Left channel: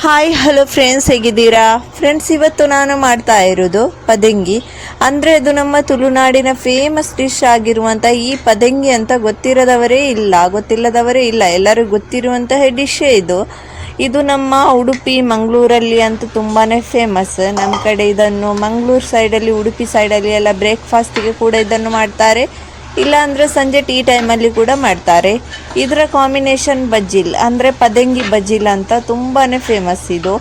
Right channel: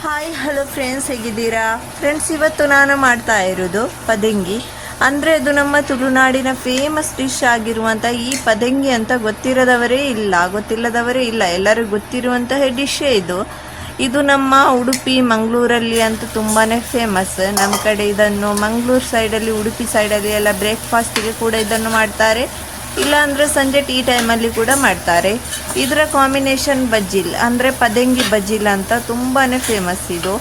Hi hello friends, ಹೇಗಿದ್ದೀರಾ friends? ಇವತ್ತು ನಾನು ಮಾಡ್ತಾ ಇರೋದು ಪದಂಗಿ. ಅಂದರೆ ಇದು ನಮ್ಮ ತುಳುನಾಡಿನ ಫೇಮಸ್ ಡಿಶ್ ಆಗಿರುವಂಥ ಈ ಪದಂಗಿ ಅಂತ ಗೊತ್ತಿಲ್ಲದವರೇ ಇಲ್ಲ, ಎಲ್ಲರಿಗೂ ಗೊತ್ತಿರುವಂತಹ ಡಿಶ್ಶೇ ಇದು. ಇದು ನಮ್ಮ ಉಡುಪಿ ಮಂಗಳೂರಲ್ಲಿ ಅಂತೂ ತುಂಬಾ ಫೇಮಸ್. ನಮ್ಮ ಕಡೆ ಇದನ್ನು ಮಂಗಳೂರು ಸೈಡಲ್ಲಿ, ಉಡುಪಿ ಸೈಡಲ್ಲಿ ಎಲ್ಲ ಬ್ರೇಕ್ಫಾಸ್ಟಿಗೆ ಕೂಡ ಇದನ್ನು ಮಾಡ್ತಾರೆ, ಇಲ್ಲಾಂದರೆ ಸಂಜೆ ಟೀ ಟೈಮಲ್ಲಿ ಕೂಡ ಮಾಡ್ತಾರೆ. ಇದರ ಕಾಂಬಿನೇಷನ್ ಬಜ್ಜಿಲ್ ಅಂದರೆ ಪದಂಗಿ ಬಜ್ಜಿಲ್ ಅಂತ ತುಂಬಾ ಫೇಮಸ್ ಇದು.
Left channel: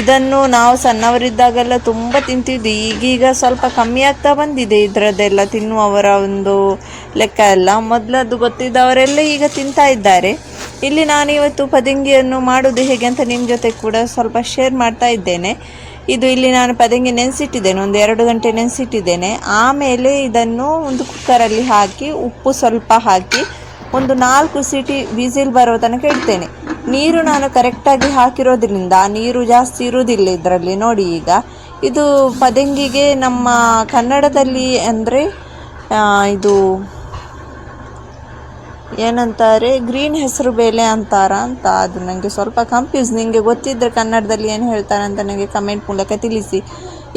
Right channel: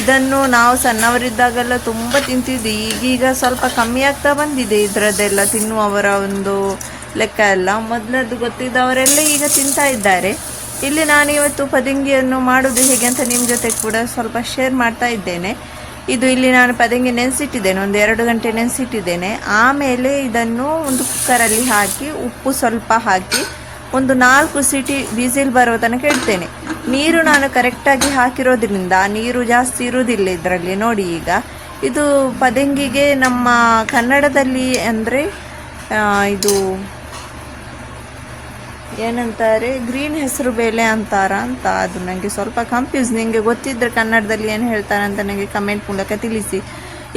ಇದನ್ನು ನಾವು ಸಣ್ಣವರಿದ್ದಾಗೆಲ್ಲ ತುಂಬ ತಿಂತಿದ್ವಿ. ಈಗೀಗ ಸ್ವಲ್ಪ ಕಮ್ಮಿ ಆಗ್ತಾ ಬಂದಿದೆ ಇದರದ್ದೆಲ್ಲ ತಿನ್ನುವವರ ಒಂದು ಲೆಕ್ಕ ಎಲ್ಲ. ಮೊದಲದ್ದು ಗೊತ್ತಿದ್ದವರೆಲ್ಲ ಈಗ ತಿಂತಾ ಇದ್ದಾರೆ. ಇಲ್ಲಿ ನಾನು ಇವತ್ತು ಪದಂಗಿಯನ್ನು ಮಾಡೋದು ಹೇಗೆ ಅಂತ ನಿಮ್ಮ ಜೊತೆ ಕೂಡ ಸ್ವಲ್ಪ ಶೇರ್ ಮಾಡ್ತಾ ಇದ್ದೇನೆ. ಇದು ಇಲ್ಲಿ ನಾನು ಪದಂಗಿ ನೆನೆಸಿಟ್ಟಿದ್ದೇನೆ, ಒಂದು 2 ಗಂಟೆ ನೆನೆಸಿಟ್ಟಿದ್ದೇನೆ. ಆಮೇಲೆ ಇದನ್ನು ಒಂದು ಕುಕ್ಕರಲ್ಲಿ ಹಾಕಿ ಉಪ್ಪು ಸ್ವಲ್ಪ ಹಾಕಿ ಒಂದು 4 ಸೀಟಿ ವಿಸಿಲ್ ಬರೋ ತನಕ ಇಡ್ತೇನೆ. ನೀರು ನಾನು ಕರೆಕ್ಟಾಗಿ ಹಾಕಿರೋದ್ರಿಂದ ನೀರು ಜಾಸ್ತಿ ಇರೋದಿಲ್ಲ ಇದರಲ್ಲಿ. ನೋಡಿ, ಈಗ ಇದು ಪದಂಗಿಗೆ ನಮ್ಮ ಕನ್ನಡದಲ್ಲಿ ಅಂದರೆ ಇದು ಏನಂತಾರೆ, ಗ್ರೀನ್ ಹೆಸರು ಬೇಳೆ ಅಂತಾರ ಅಂತ. ಅದು ನನಗೆ ಸ್ವಲ್ಪ ಕನ್ಫ್ಯೂಸ್. ನಿಮಗೆ ಗೊತ್ತಿದ್ದರೆ ಕನ್ನಡದಲ್ಲಿ ಏನು ಹೇಳ್ತಾರೆ ಅಂತ ನನಗೆ ಕಮೆಂಟ್ ಮೂಲಕ ತಿಳಿಸಿ.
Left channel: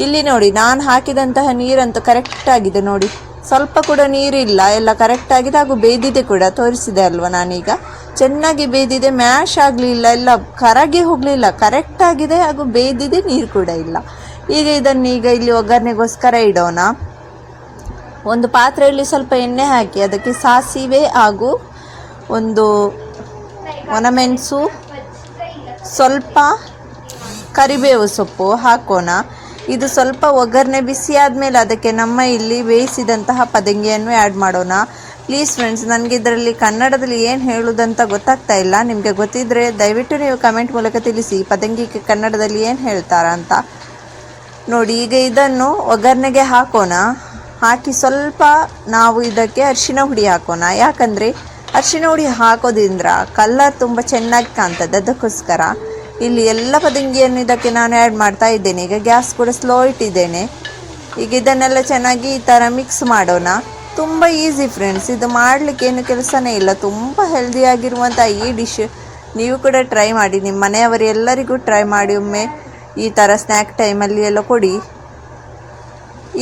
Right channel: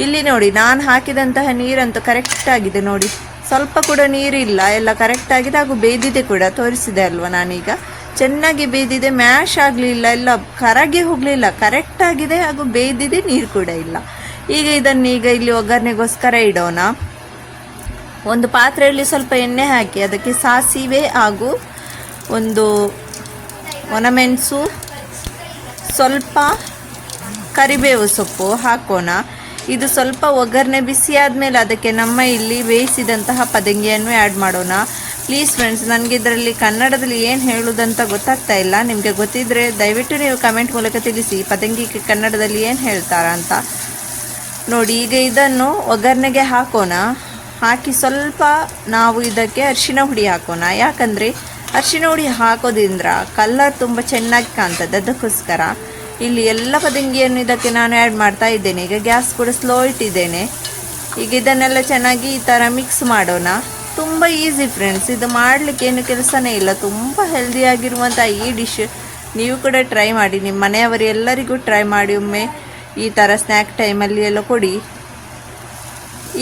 ಇಲ್ಲಿ ನೋಡಿ, ನಾನು ಹಾಕಿದಂತಹ ನೀರಂತೂ ಕರೆಕ್ಟಾಗಿದೆ. ನೋಡಿ, ಸ್ವಲ್ಪ ಕೂಡ ನೀರಿಲ್ಲ, ಎಲ್ಲ ಕರೆಕ್ಟಾಗಿದೆ. ಹಾಗೂ ಬೇಯ್ದಿದೆ ಕೂಡ, ತೋರಿಸಿದೆ ಅಲ್ವ ನಾನೀಗ. ಚೆನ್ನಾಗಿ ಬೇಯ್ದಿದೆ, ಮ್ಯಾಶ್ ಆಗಲಿಲ್ಲ, ಎಲ್ಲ ಕರಗಿ ಹೋಗಲಿಲ್ಲ, ಕರೆಕ್ಟಾಗಿದೆ. ಹಾಗೂ ಬೇಯ್ದಿದೆ, ನೀರು ಕೂಡ ಇಲ್ಲ. ಈಗ ಇದನ್ನೀಗ ಇಲ್ಲಿ ಒಗ್ಗರಣೆಗೋಸ್ಕರ ಇಡೋಣ. ಒಂದು ಪಾತ್ರೆಯಲ್ಲಿ ಸ್ವಲ್ಪ ಎಣ್ಣೆ ಹಾಕಿ ಅದಕ್ಕೆ ಸಾಸಿವೆ ಹಾಗೂ ಒಂದು ಒಣಮೆಣಸು, ಸ್ವಲ್ಪ ಕರಿಬೇವು ಸೊಪ್ಪು ಹಾಕೋಣ. ಇದು ಸ್ವಲ್ಪ ಒಗ್ಗರಣೆ ಬಿಸಿ ಆದಮೇಲೆ ಅದಕ್ಕೆ ನಮ್ಮ ಇಲ್ಲಿ ಬೇಯಿಸಿದಂತಹ ಪದಂಗಿಯನ್ನು ಆ್ಯಡ್ ಮಾಡೋಣ. ಪ್ಲೀಸ್ ಫ್ರೆಂಡ್ಸ್, ನನಗೆ ಇದರಲ್ಲಿ ಕನ್ನಡದಲ್ಲಿ ಏನು ಹೇಳೋದಂತ ಗೊತ್ತಾಗ್ತಾ ಇಲ್ಲ. ನಿಮಗೆ ಗೊತ್ತಿದ್ದರೆ ದಯವಿಟ್ಟು ನೀವು ಕಮೆಂಟ್ ಮೂಲಕ ತಿಳಿಸಿ, ಪದಂಗಿಗೆ ಕನ್ನಡದಲ್ಲಿ ಏನು ಹೇಳ್ತಾರ ಅಂತ. ನೋಡಿ, ಈಗ ಇದನ್ನು ಒಗ್ಗರಣೆಗೆ ಹಾಕೋಣ. ಹಾಕಿ ಸ್ವಲ್ಪ ನಾವು ಇದಕ್ಕೆ ಅರಿಶಿನ ಹುಡಿ ಹಾಕೋಣ. ಯಾಕಂದರೆ ಅರಿಶಿನ ಹುಡಿ ಹಾಕೋದ್ರಿಂದ ಕಲರ್ ತುಂಬ ಚೆನ್ನಾಗಿ ಕಾಣ್ತದೆ, ಅದಕ್ಕೋಸ್ಕರ. ಇಲ್ಲಿ ಎಲ್ಲ ಪದಂಗಿಯನ್ನು ಇದಕ್ಕೆ ನಾನು ಆ್ಯಡ್ ಮಾಡ್ತಾ ಇದ್ದೇನೆ. ಈಗ ಗ್ಯಾಸ್ ಕೂಡ ಸ್ಲೋ ಇಟ್ಟಿದ್ದೇನೆ. ಈಗ ಇದನ್ನೆಲ್ಲ ಚೆನ್ನಾಗಿ ಈ ಥರ ಮಿಕ್ಸ್ ಮಾಡೋಣ. ತುಂಬ ಈಸಿ ಫ್ರೆಂಡ್ಸ್, ಇದು ಮಾಡಲಿಕ್ಕೆ ಏನು ಕೆಲಸನೇ ಇಲ್ಲ. ತುಂಬ ಹೆಲ್ದಿಯಾಗಿರುವಂಥ ಈ ಡಿಶ್ ನೀವು ಕೂಡ ಟ್ರೈ ಮಾಡಿ, ನಿಮ್ಮ ಮನೆಯವರೆಲ್ಲರಿಗೂ ಟ್ರೈ ಮಾಡಿ ಒಮ್ಮೆ. ಈ ಥರ ಸ್ನ್ಯಾಕ್ ಟೈಮಲ್ಲಿ ಎಲ್ಲ ಕೊಡಿ.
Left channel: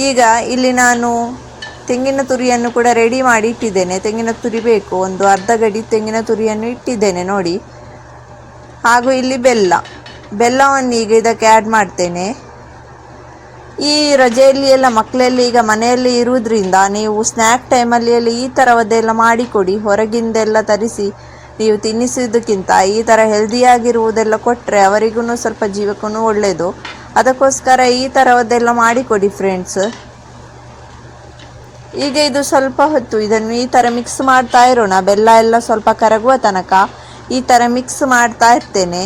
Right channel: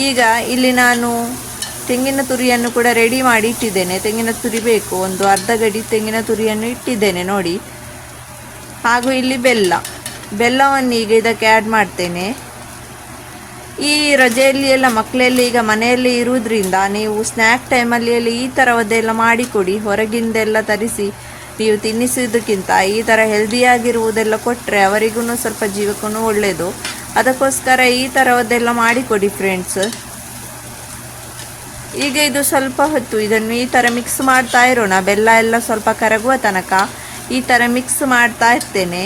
ಈಗ ಇಲ್ಲಿ ನಾನು ತೆಂಗಿನ ತುರಿಯನ್ನು ಕೂಡ ರೆಡಿ ಮಾಡಿ ಇಟ್ಟಿದ್ದೇನೆ. ತೆಂಗಿನ ತುರಿ ಬೇಕು, ಒಂದು ಅರ್ಧ ಗಡಿ ತೆಂಗಿನ ತುರಿಯನ್ನು ಇಟ್ಟಿದ್ದೇನೆ ನೋಡಿ. ಹಾಗೂ ಇಲ್ಲಿ ಬೆಲ್ಲವನ್ನು ಈಗ ಇದಕ್ಕೆ ಆ್ಯಡ್ ಮಾಡ್ತೇನೆ. ಈ ರಜೆಯಲ್ಲಿ ಎಲ್ಲ ಮಕ್ಕಳೆಲ್ಲ ಈಗ ಮನೆಯಲ್ಲಿ ಇರುವುದರಿಂದ ನೀವು ಸ್ನ್ಯಾಕ್ ಟೈಮಲ್ಲಿ ಎಲ್ಲ ಈ ಥರವದ್ದೆಲ್ಲ ಮಾಡಿಕೊಡಿ. ಹೊರಗಿಂದೆಲ್ಲ ತರಿಸಿ ನೀವು ತಿನ್ನಿಸೋದಕ್ಕಿಂತ ಈ ಥರ ಹೆಲ್ದಿಯಾಗಿರುವುದೆಲ್ಲ ಕೊಟ್ಟರೆ ಅವರಿಗೂ ಸ್ವಲ್ಪ ಜೀವಕ್ಕೂ ಒಳ್ಳೆಯದು. ಅದಕ್ಕೋಸ್ಕರ ಈ ಥರವದ್ದೆಲ್ಲ ಮಾಡಿಕೊಡಿ ಫ್ರೆಂಡ್ಸ್. ಈಗ ಇದು ಸ್ವಲ್ಪ ಹೊತ್ತು ಇದನ್ನು ಈ ಥರ ಮಿಕ್ಸ್ ಮಾಡ್ತಾ ಇರೋಣ. ಬೆಲ್ಲ ಎಲ್ಲ ಸ್ವಲ್ಪ ಕರಗುವ ತನಕ ಈ ಥರ ಮಿಕ್ಸ್ ಮಾಡ್ತಾ ಇರ್ತೇನೆ.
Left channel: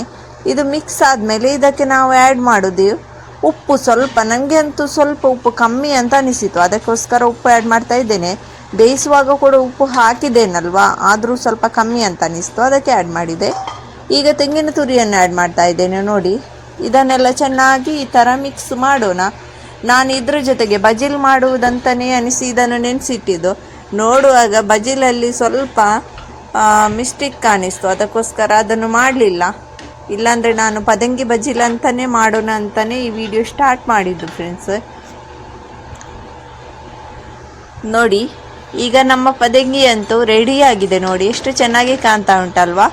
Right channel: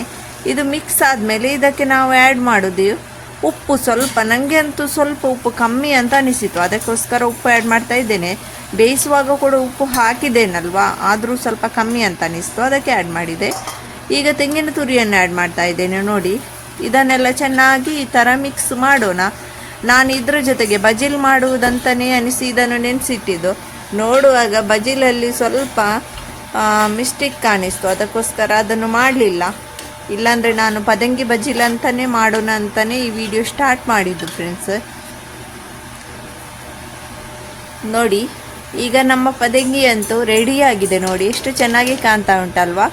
ಇದು ಮಿಕ್ಸ್ ಆದಮೇಲೆ ಇದಕ್ಕೆ ನಾವು ಆ್ಯಡ್ ಮಾಡೋದು ಉಪ್ಪು. ಸ್ವಲ್ಪ ನನಗೆ ಅಂತೂ ಸ್ವಲ್ಪ ಉಪ್ಪು ಕಮ್ಮಿ ಅಂತ ಅನಿಸಿತು, ಅದಕ್ಕೋಸ್ಕರ ಉಪ್ಪು ಆ್ಯಡ್ ಮಾಡ್ತಾ ಇದ್ದೇನೆ. ಬೇಯಿಸುವಾಗ ಕೂಡ ಉಪ್ಪು ಹಾಕಿದ್ದೇನಲ್ವಾ, ಆದರೂ ಸ್ವಲ್ಪ ಕಮ್ಮಿ ಅಂತ ಅನಿಸ್ತು, ಅದಕ್ಕೆ ಆ್ಯಡ್ ಮಾಡಿದೆ. ಈಗ ತೆಂಗಿನ ತುರಿಯನ್ನು ಆ್ಯಡ್ ಮಾಡ್ತಾ ಇದ್ದೇನೆ. ನೋಡಿ, ಇದನ್ನೆಲ್ಲ ಚೆನ್ನಾಗಿ ಈ ಥರ ಮಿಕ್ಸ್ ಮಾಡೋಣ. ನಾನು ಇದ್ರ ಜೊತೆಗೆ ಬಜಿಲ್ ಮಾಡುವುದಂತಲೇ ಅನಿಸಿ ಇದನ್ನು ನೆನೆಸಿಟ್ಟಿದ್ದು. ನೋಡುವಾಗ ಬಜಿಲಲ್ಲಿ ಸ್ವಲ್ಪ ಮಿಸ್ಟೇಕ್ ಕಾಣಿಸ್ತು, ಅದಕ್ಕೋಸ್ಕರ ಅದನ್ನು ಮಾಡಲಿಲ್ಲ. ಇಲ್ಲಾಂದರೆ ನಾನು ಪದಂಗಿ ಬಜಿಲ್ ಅಂತಲೇ ಮಾಡೋಣ ಅಂತಲೇ ಈ ವಿಡಿಯೋ ಸ್ಟಾರ್ಟ್ ಮಾಡಿದ್ದು ಫ್ರೆಂಡ್ಸ್. ನೋಡಿ, ಈಗ ನಮ್ಮ ಪದಂಗಿ ಅಂತೂ ರೆಡಿಯಾಗಿದೆ. ನೋಡಿ, ಎಷ್ಟು ಚೆನ್ನಾಗಿ ಕಾಣ್ತಾ ಉಂಟಲ್ವಾ.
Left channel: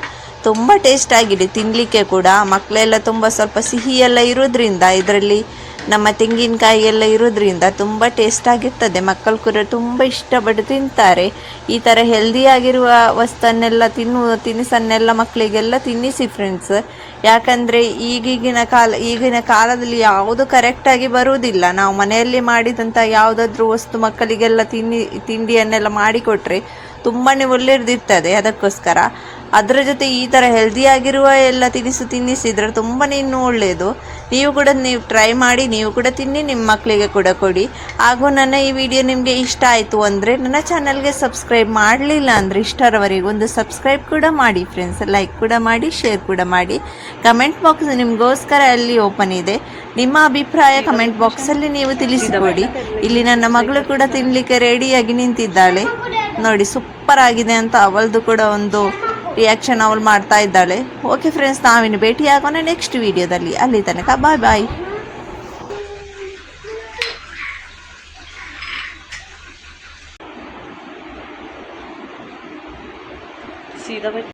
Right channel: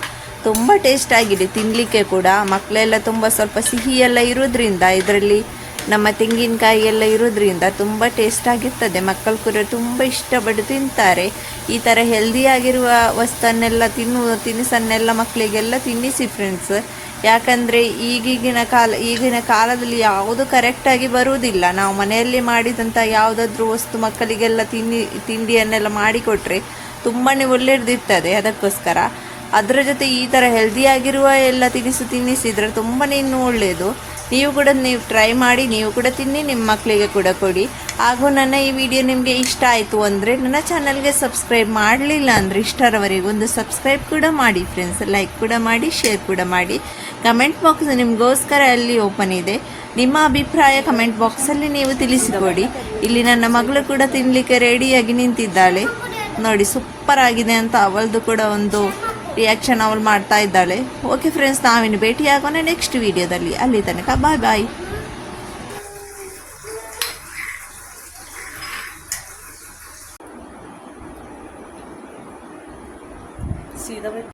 ತುಂಬ ಟೇಸ್ಟ್ ಆಗಿದೆ ತಿನ್ನಲಿಕ್ಕೆ ಕೂಡ. ಮಕ್ಕಳೆಲ್ಲ ತುಂಬ ಸ್ವಲ್ಪ ಸಿಹಿ ಎಲ್ಲ ಇರೋದ್ರಿಂದ, ಇದರಲ್ಲಿ ನಮ್ಮ ತೆಂಗಿನಕಾಯಿ ಎಲ್ಲ ಇರೋದ್ರಿಂದ ತುಂಬ ಟೇಸ್ಟ್ ಆಗಿರ್ತದೆ. ಮಕ್ಕಳು ಕೂಡ ತುಂಬ ಇಷ್ಟಪಟ್ಟು ತಿಂತಾರೆ. ಈ ಥರ ಹೆಲ್ದಿಯಾಗಿರುವ ವಸ್ತುವನ್ನೆಲ್ಲ ತಿನಿಸನ್ನೆಲ್ಲ ಮಕ್ಕಳಿಗೆಲ್ಲ ತಿನ್ನಿಸಿ ಫ್ರೆಂಡ್ಸ್. ಯಾಕಂದರೆ ಈಗಿನ ಕಾಲದಲ್ಲಿ ಯಾವುದು ಕರೆಕ್ಟಾಗಿ ಬರುವುದಿಲ್ಲ. ನಾವು ಮನೆಯಲ್ಲಿ ಮಾಡಿದಂಥ ಯಾವುದಾದ್ರೂ ವಸ್ತು ಮಕ್ಕಳಿಗೆಲ್ಲ ತಿಂಡಿಯನ್ನೆಲ್ಲ ಮಾಡಿಕೊಟ್ರೆ ತುಂಬಾ ಒಳ್ಳೆಯದಿರ್ತದೆ. ಅದಕ್ಕೋಸ್ಕರ ಅದರ ಜೊತೆ ಈ ಥರ ಹೆಲ್ದಿಯಾಗಿರುವ ಎಲ್ಲ ತಿನ್ನಿಸಿದರೆ ತುಂಬಾ ಇನ್ನೂ ಒಳ್ಳೆಯದು. ನೀವು ಟ್ರೈ ಮಾಡಿ, ನೀವು ಕೂಡ ತಿನ್ನಿ, ನಿಮ್ಮ ಮಕ್ಕಳಿಗೆ ಕೂಡ ಕೊಡಿ. ಹಾಗೂ ನನ್ನ ಈ ವಿಡಿಯೋ ನಿಮಗೆ ಇಷ್ಟ ಆಯಿತು ಅಂದರೆ ನನ್ನ ಚಾನಲ್ಗೆ ಸಬ್ಸ್ಕ್ರೈಬ್ ಮಾಡಲಿಲ್ಲ ಅಂದರೆ ಇಷ್ಟರವರೆಗೆ ಒಂದು ಸಬ್ಸ್ಕ್ರೈಬ್ ಕೂಡ ಮಾಡಿ ಫ್ರೆಂಡ್ಸ್. ಲೈಕ್ ಕೂಡ ಮಾಡಿ, ಶೇರ್ ಕೂಡ ಮಾಡಿ. ಕಮೆಂಟ್ ಬಾಕ್ಸ್ ನಿಮಗೋಸ್ಕರ ಅಲ್ಲಿ ಓಪನ್ ಇದೆ. ನಿಮ್ಮ ಅಭಿಪ್ರಾಯ ಕಮೆಂಟ್ ಬಾಕ್ಸಲ್ಲಿ ನೀವು ತಿಳಿಸಿಕೊಡಿ. ಇಲ್ಲಿ ನನ್ನ ಮಗಳು ಕೂಡ ತಿನ್ನಲಿಕ್ಕೆ ರೆಡಿಯಾಗಿ ನಿಂತಿದ್ದಾಳೆ ನೋಡಿ. ಸೂಪರ್ ಆಗಿದೆ ಅಂತ ಅವಳದು ಕೂಡ ಒಂದು ರಿಯಾಕ್ಷನ್ ಅವಳು ಮಾಡ್ತಾ ಇದ್ದಾಳೆ. ಓಕೆ ಫ್ರೆಂಡ್ಸ್, ನಾವಿನ್ನು ಭೇಟಿಯಾಗೋಣ ನೆಕ್ಸ್ಟ್ ವಿಡಿಯೋದಲ್ಲಿ. ಅಲ್ಲಿ ತನಕ ಬಾಯ್ ಬಾಯ್.